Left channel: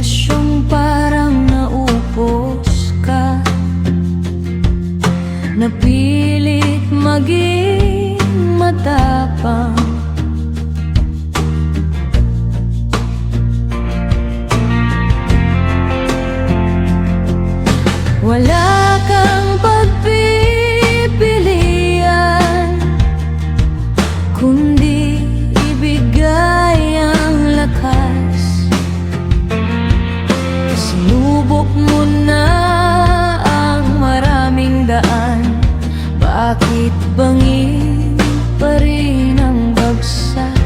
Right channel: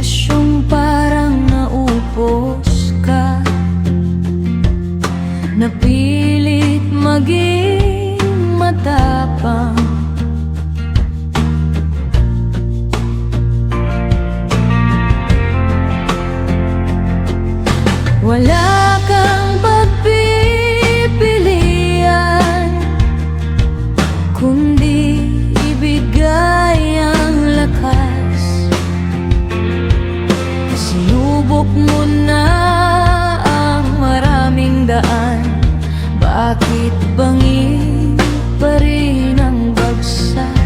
sitwasyong parang naupos ka, napilit maging matapang. Wala kang pagpipilian, kundi ibigay ang lakas. Sinubok mo na ang maraming daan, bakit bangin pa rin ang bagsak?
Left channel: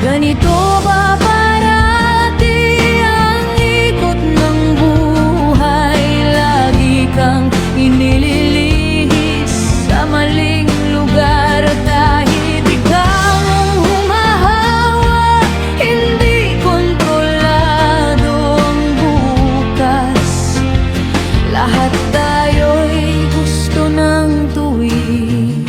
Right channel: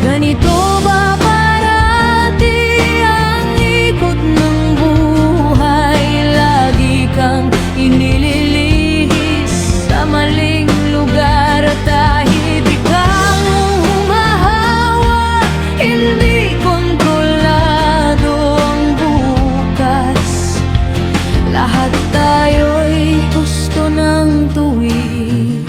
Ganito ba parati ang ikot ng buhay? Lagi kang inililihis sa maling lugar, kahit ikaw ang humahawa, hindi kontrolado ang bukas. Lahat tayo'y gusto ng tuwid,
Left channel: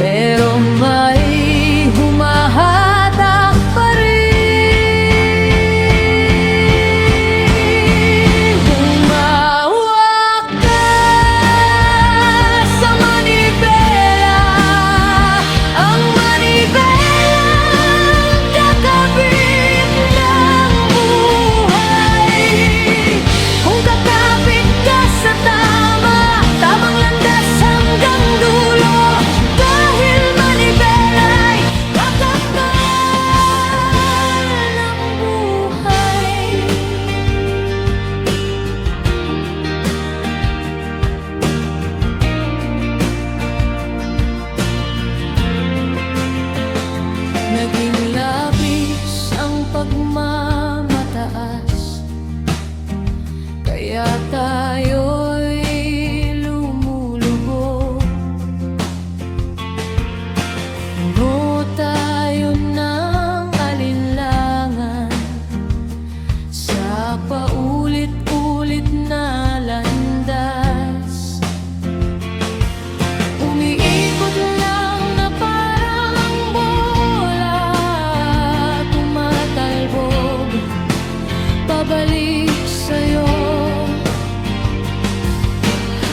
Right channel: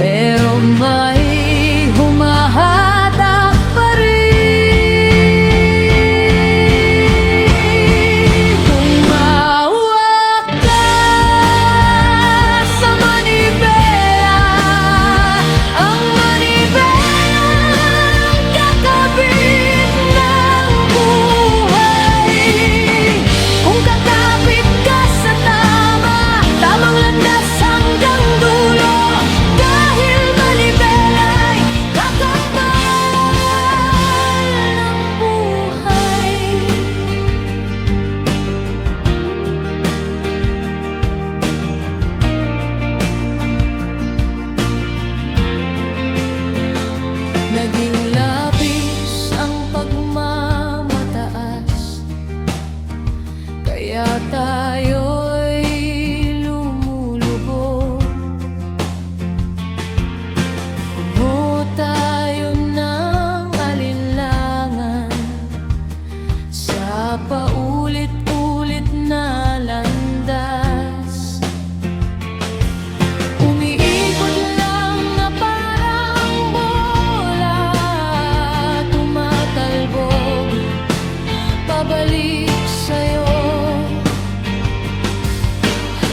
pero may humahatak pa rin. Humawak ka sa manibela, ang manibelang kakabit ng buhay. Kung kakapit ka sa tamang landas hanggang dulo, dahil manibela'y kakapal ng buhay. Naging labis ang pagmamataas, kaya tayo'y lumulubog. Puno tayo ng alinlangan sa paulit-ulit na landas. Umiikot lang na parang bola, tumatalbog pabalik sa'yo.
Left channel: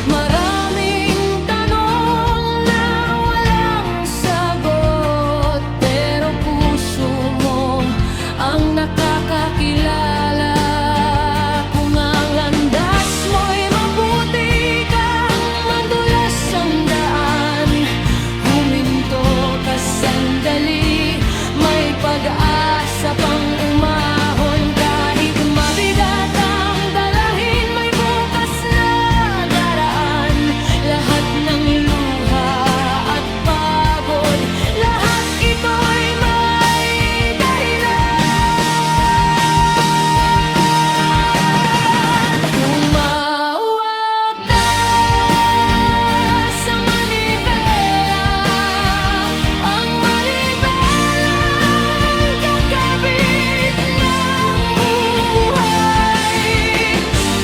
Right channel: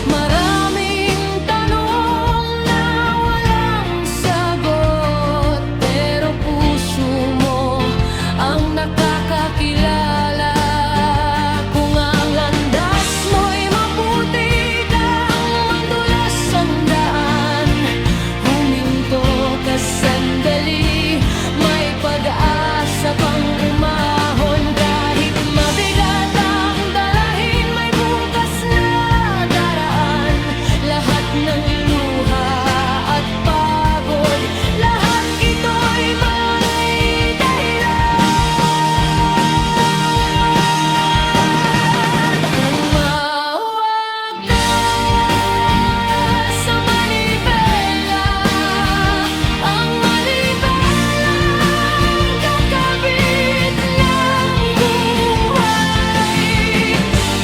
Maraming tanong na walang sagot, pero puso mo ang nakakakilala. Kung ang landas mo'y maputi kang mandulas ang daan, huminto ka sandali, may pag-asa pang umahon. Kahit mabigat ang dalahin, may bukas na daraan. Lahat ng luha at pagod, lahat ito'y may dahilan. Humawak ka sa manibela, ang manibelang kakabit ng buhay.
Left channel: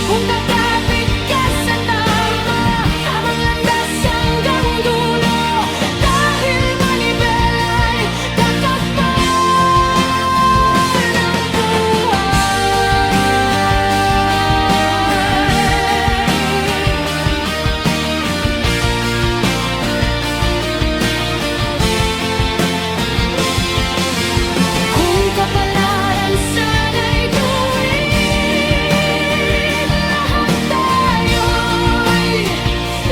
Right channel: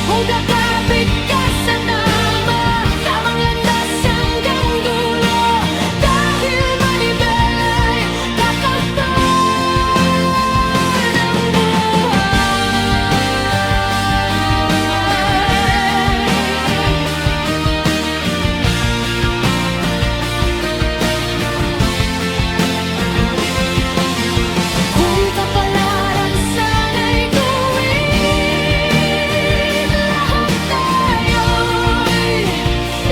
Kung kakapit ka sa tamang landas hanggang dulo, dahil manibela'y kakapal ng buhay. Kung kapalaran sana'y tuwid, lahat tayo'y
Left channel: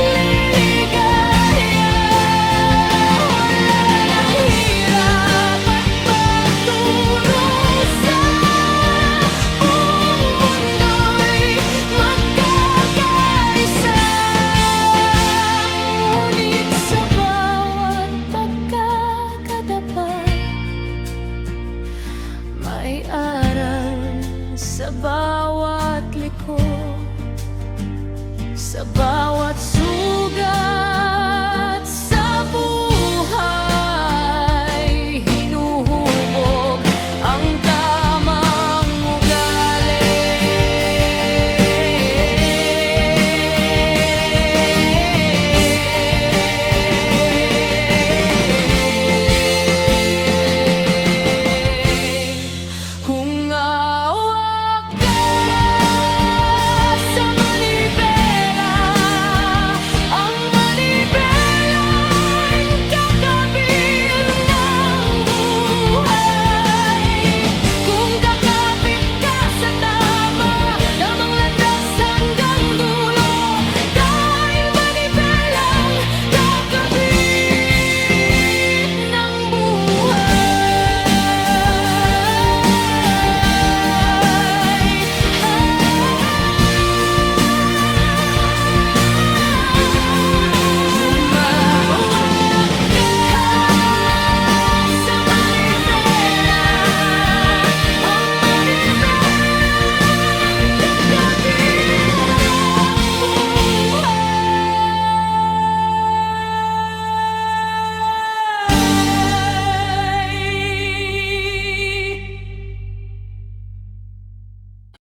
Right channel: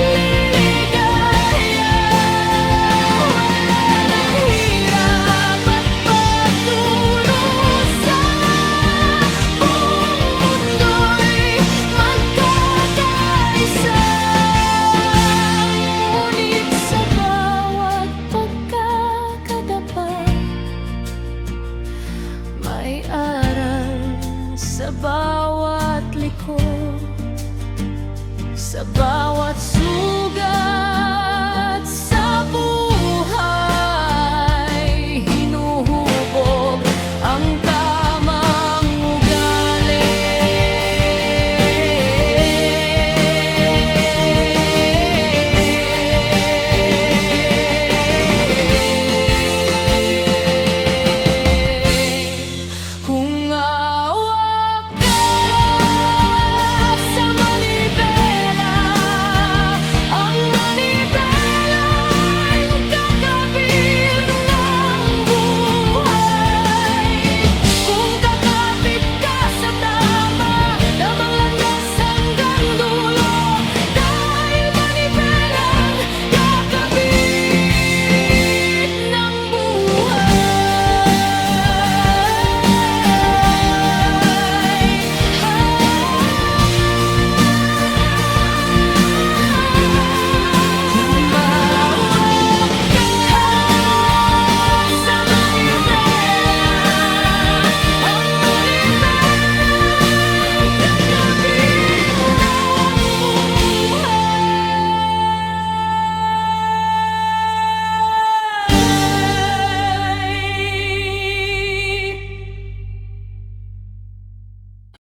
liligaya. Wala nang hirap at pagdurusa, buong mundo'y magkakaisa. Ngunit sa bawat pagkakatapat, may aral sa bawat liko, sa bawat sugat.